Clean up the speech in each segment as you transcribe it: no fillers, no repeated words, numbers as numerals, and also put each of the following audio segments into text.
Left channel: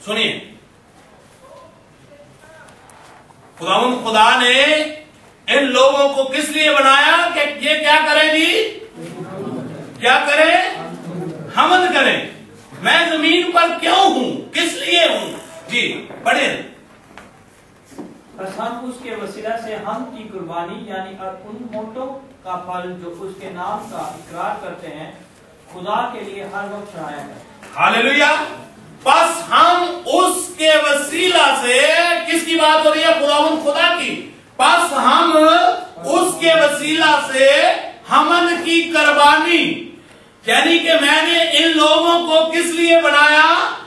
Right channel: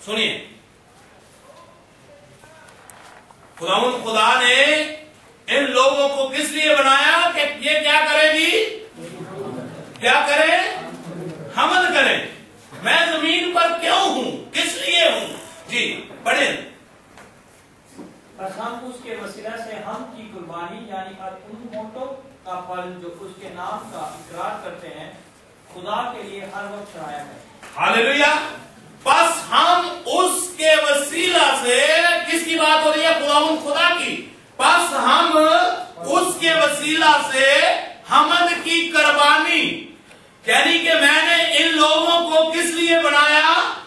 سنیے، خدا نے ان لوگوں کو کس لیے بنایا کہ یہ کیا کریں جی؟ کیا کریں؟ حمد کریں۔ میں زمین پر کیوں ہوں، کس لیے ہوں؟ جی پڑھیں۔ بس ہم اس کے وسیلہ سے ہم کی قربانی یعنی ان ہونٹوں کا پھل جو اس کے نام کا اقرار کرتے ہیں خدا کے لیے ہر وقت چڑھایا ہے۔ ہاللیلویہ۔ بس ہم اس کے وسیلہ سے، کس کی بات ہو رہی ہے؟ خدا کی۔ بس ہم اس کے وسیلہ سے حمد کی قربانی، یعنی کہ میں نے ان لوگوں کو کس لیے بنایا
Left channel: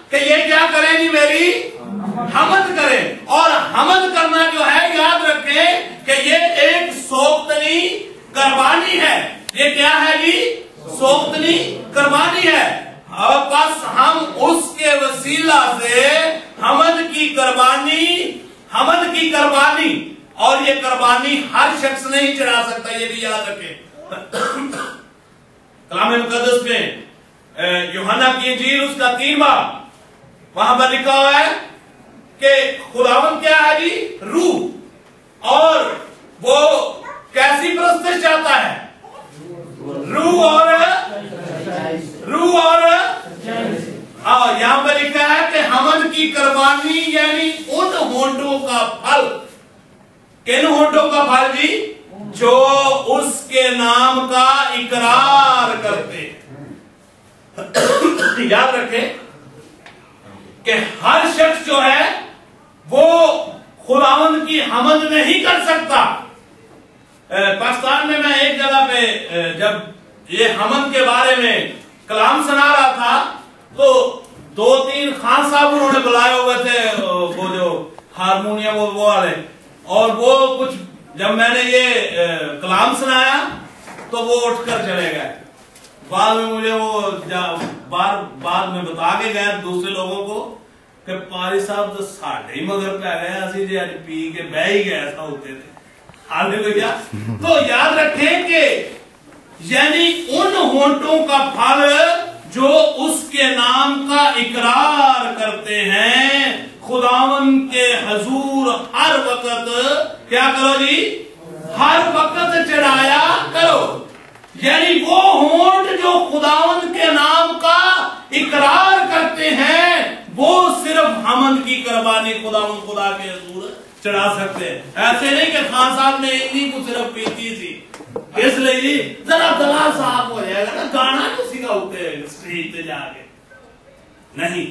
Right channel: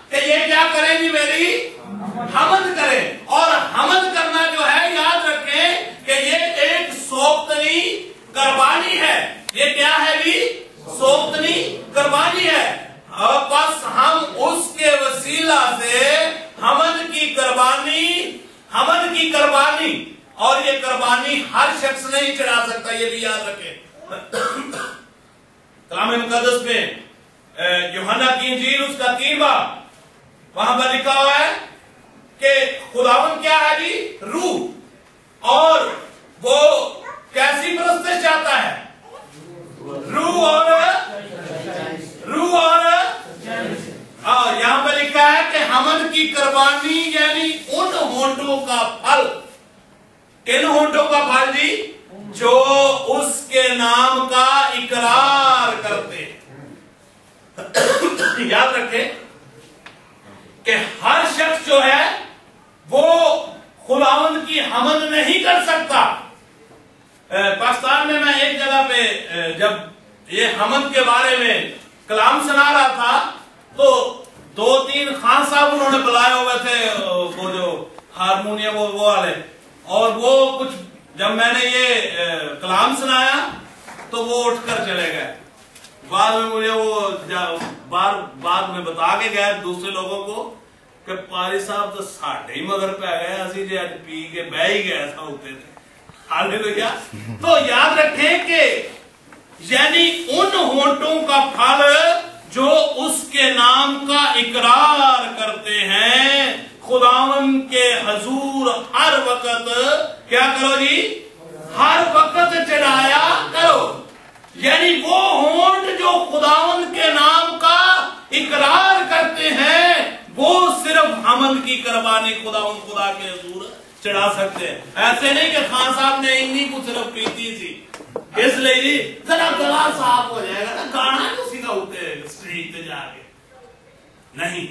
کہ یہ کیا کریں گی؟ میری حمد کریں۔ اور حمد کرنا جو ہے، یاد رکھیں کہ یہ ایک سوختنی قربانی ہے۔ یہ کیا ہے جی؟ سوختنی قربانی ہے۔ اور بس ہم اس کے وسیلہ سے حمد کی قربانی، اور یہ قربانی ہر شخص نہیں چڑھا سکتا، یہ بھی یاد رکھیں۔ کلام مقدس میں یوحنا کی انجیل اس کا 3 باب، وہاں پر لکھا ہوا ہے کہ خداوند کیا ہے جی؟ روح، اور وہ کیسی پرستش چاہتا ہے؟ روح اور یہاں پہ لکھا ہے کہ حمد کی قربانی یعنی ان ہونٹوں کا پھل۔ کن ہونٹوں کا پھل جی؟ جو اس کے نام کا اقرار کرتے۔ یاد رکھیں کہ ہر شخص جو ہے وہ خداوند کی حمد نہیں کر سکتا۔ پاکستان میں ایک جگہ پہ جب یہ حمد کے بارے میں کلام سنا رہا تھا تو 2-3 خان صاحب انہوں نے بلائے ہوئے تھے، وہ جو ہارمونیم وہ والے، اور وہ کچھ جب میں نے یہ کلام سنایا تو وہ اٹھ کر چلے گئے۔ بعد میں مجھے وہ بعد میں بتا کے گئے دوسرے لوگوں کو کہ پاری صاحب تو ساڑھے ہی مگر پہ گئے، اسی جی اج پی کے بہ ہی گئے ایسا ہوتے تھے۔ ہاللیلویہ۔ تو یاد رکھیں کہ یعنی ان ہونٹوں کا پھل جو اس کے نام کا اقرار کرتے ہیں، خداوند کے حضور ہر وقت کیا کرو جی؟ ہر وقت چڑھایا کرو۔ یعنی وہ ہونٹ جو خداوند کے نام کا اقرار کرتے ہیں وہ صرف حمد کی قربانی خداوند خدا کے حضور چڑھا سکتے ہیں۔ ایسے نہیں کہ خان صاحب نے انہی کو صرف پیتی تھی اس لیے جی ذرا گلا صاف ہو جائے گا نا، گانا تو سکھاتے اسٹیج پہ جا کے، نہیں،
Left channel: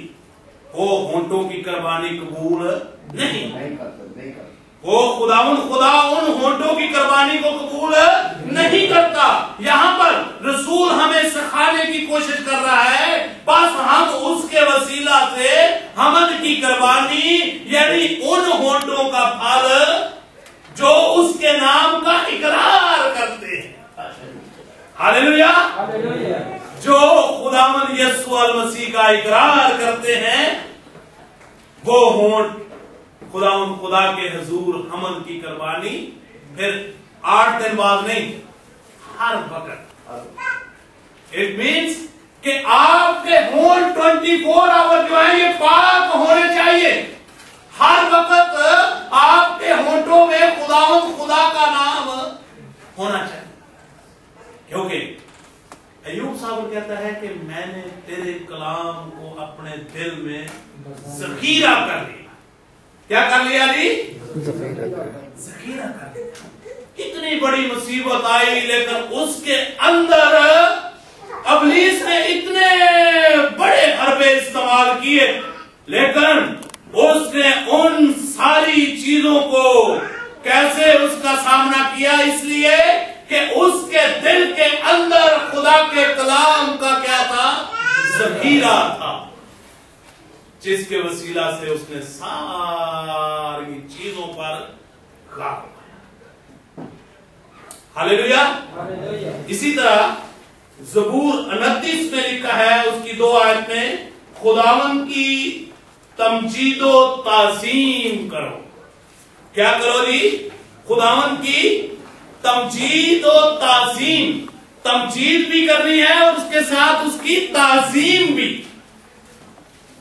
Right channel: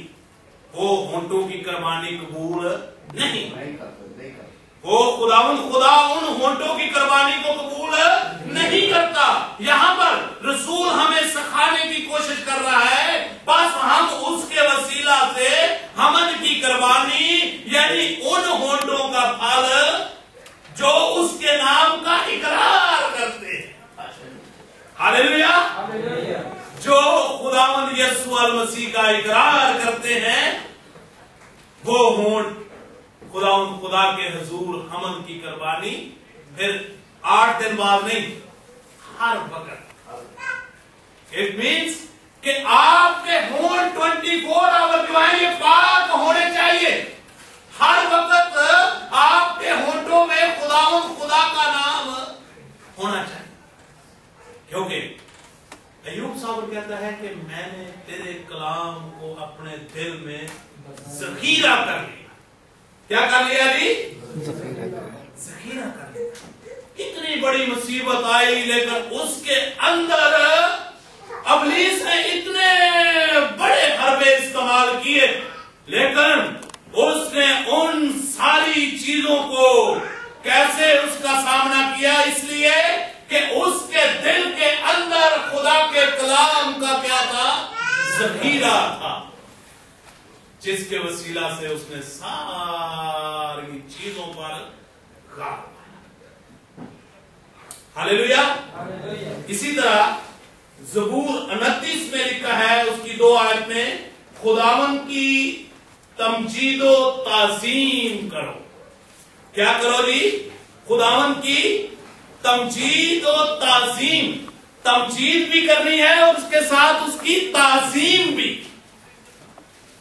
وہ ہونٹوں کی قربانی قبول نہیں۔ وہ خداوند خدا ان ہونٹوں کی قربانی کو قبول نہیں کرتا۔ یہاں پر رسول ہمیں سکھانے کی کوشش کر رہا ہے، بس ہم اس کے وسیلہ سے حمد کی قربانی یعنی ان ہونٹوں کا پھل جو اس کے نام کا اقرار کرتے ہیں، ہاللیلویہ، جو خداوند یسوع المسیح کا اقرار کرتے ہیں، وہ ہونٹ خداوند خدا کے حضور حمد کی قربانی پھر 8 دن بعد نہیں، ہر وقت۔ اٹ مینس کہ آپ کے ہونٹ 24 آور جو ہیں یہ پاک ہونے چاہیے۔ ہر وقت آپ کے ہونٹوں میں خداوند خدا کا نام ہونا چاہیے، کیونکہ ایوب صاحب کہتا ہے کہ میں نے تیرے کلام کو اپنے دل میں ذخیرہ کر لیا۔ کیا کر لیا جی؟ ذخیرہ کر لیا۔ کتنی بڑی مصیبت آئی لیکن اس کے اندر ابلیس نے اتنے بڑے حربے استعمال کیے، لیکن اس نے ان ساری چیزوں کو کیسے اس کا سامنا کیا؟ اس لیے کہ اس کے دل کے اندر خدا کے کلام کا کیا تھا؟ ذخیرہ تھا، جس کے وسیلہ سے اس نے ساری چیزوں پر غالب پایا۔ ہاللیلویہ۔ اسی طرح زبور 29 میں لکھا ہے، اس کی 2 آیت میں، خداوند کی تمجید و تعظیم کرو۔ کیا کرو جی؟ خداوند کی تمجید و تعظیم، تمجید بھی کرنی ہے اور اس کے ساتھ اس کی تعظیم بھی۔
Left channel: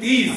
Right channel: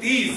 30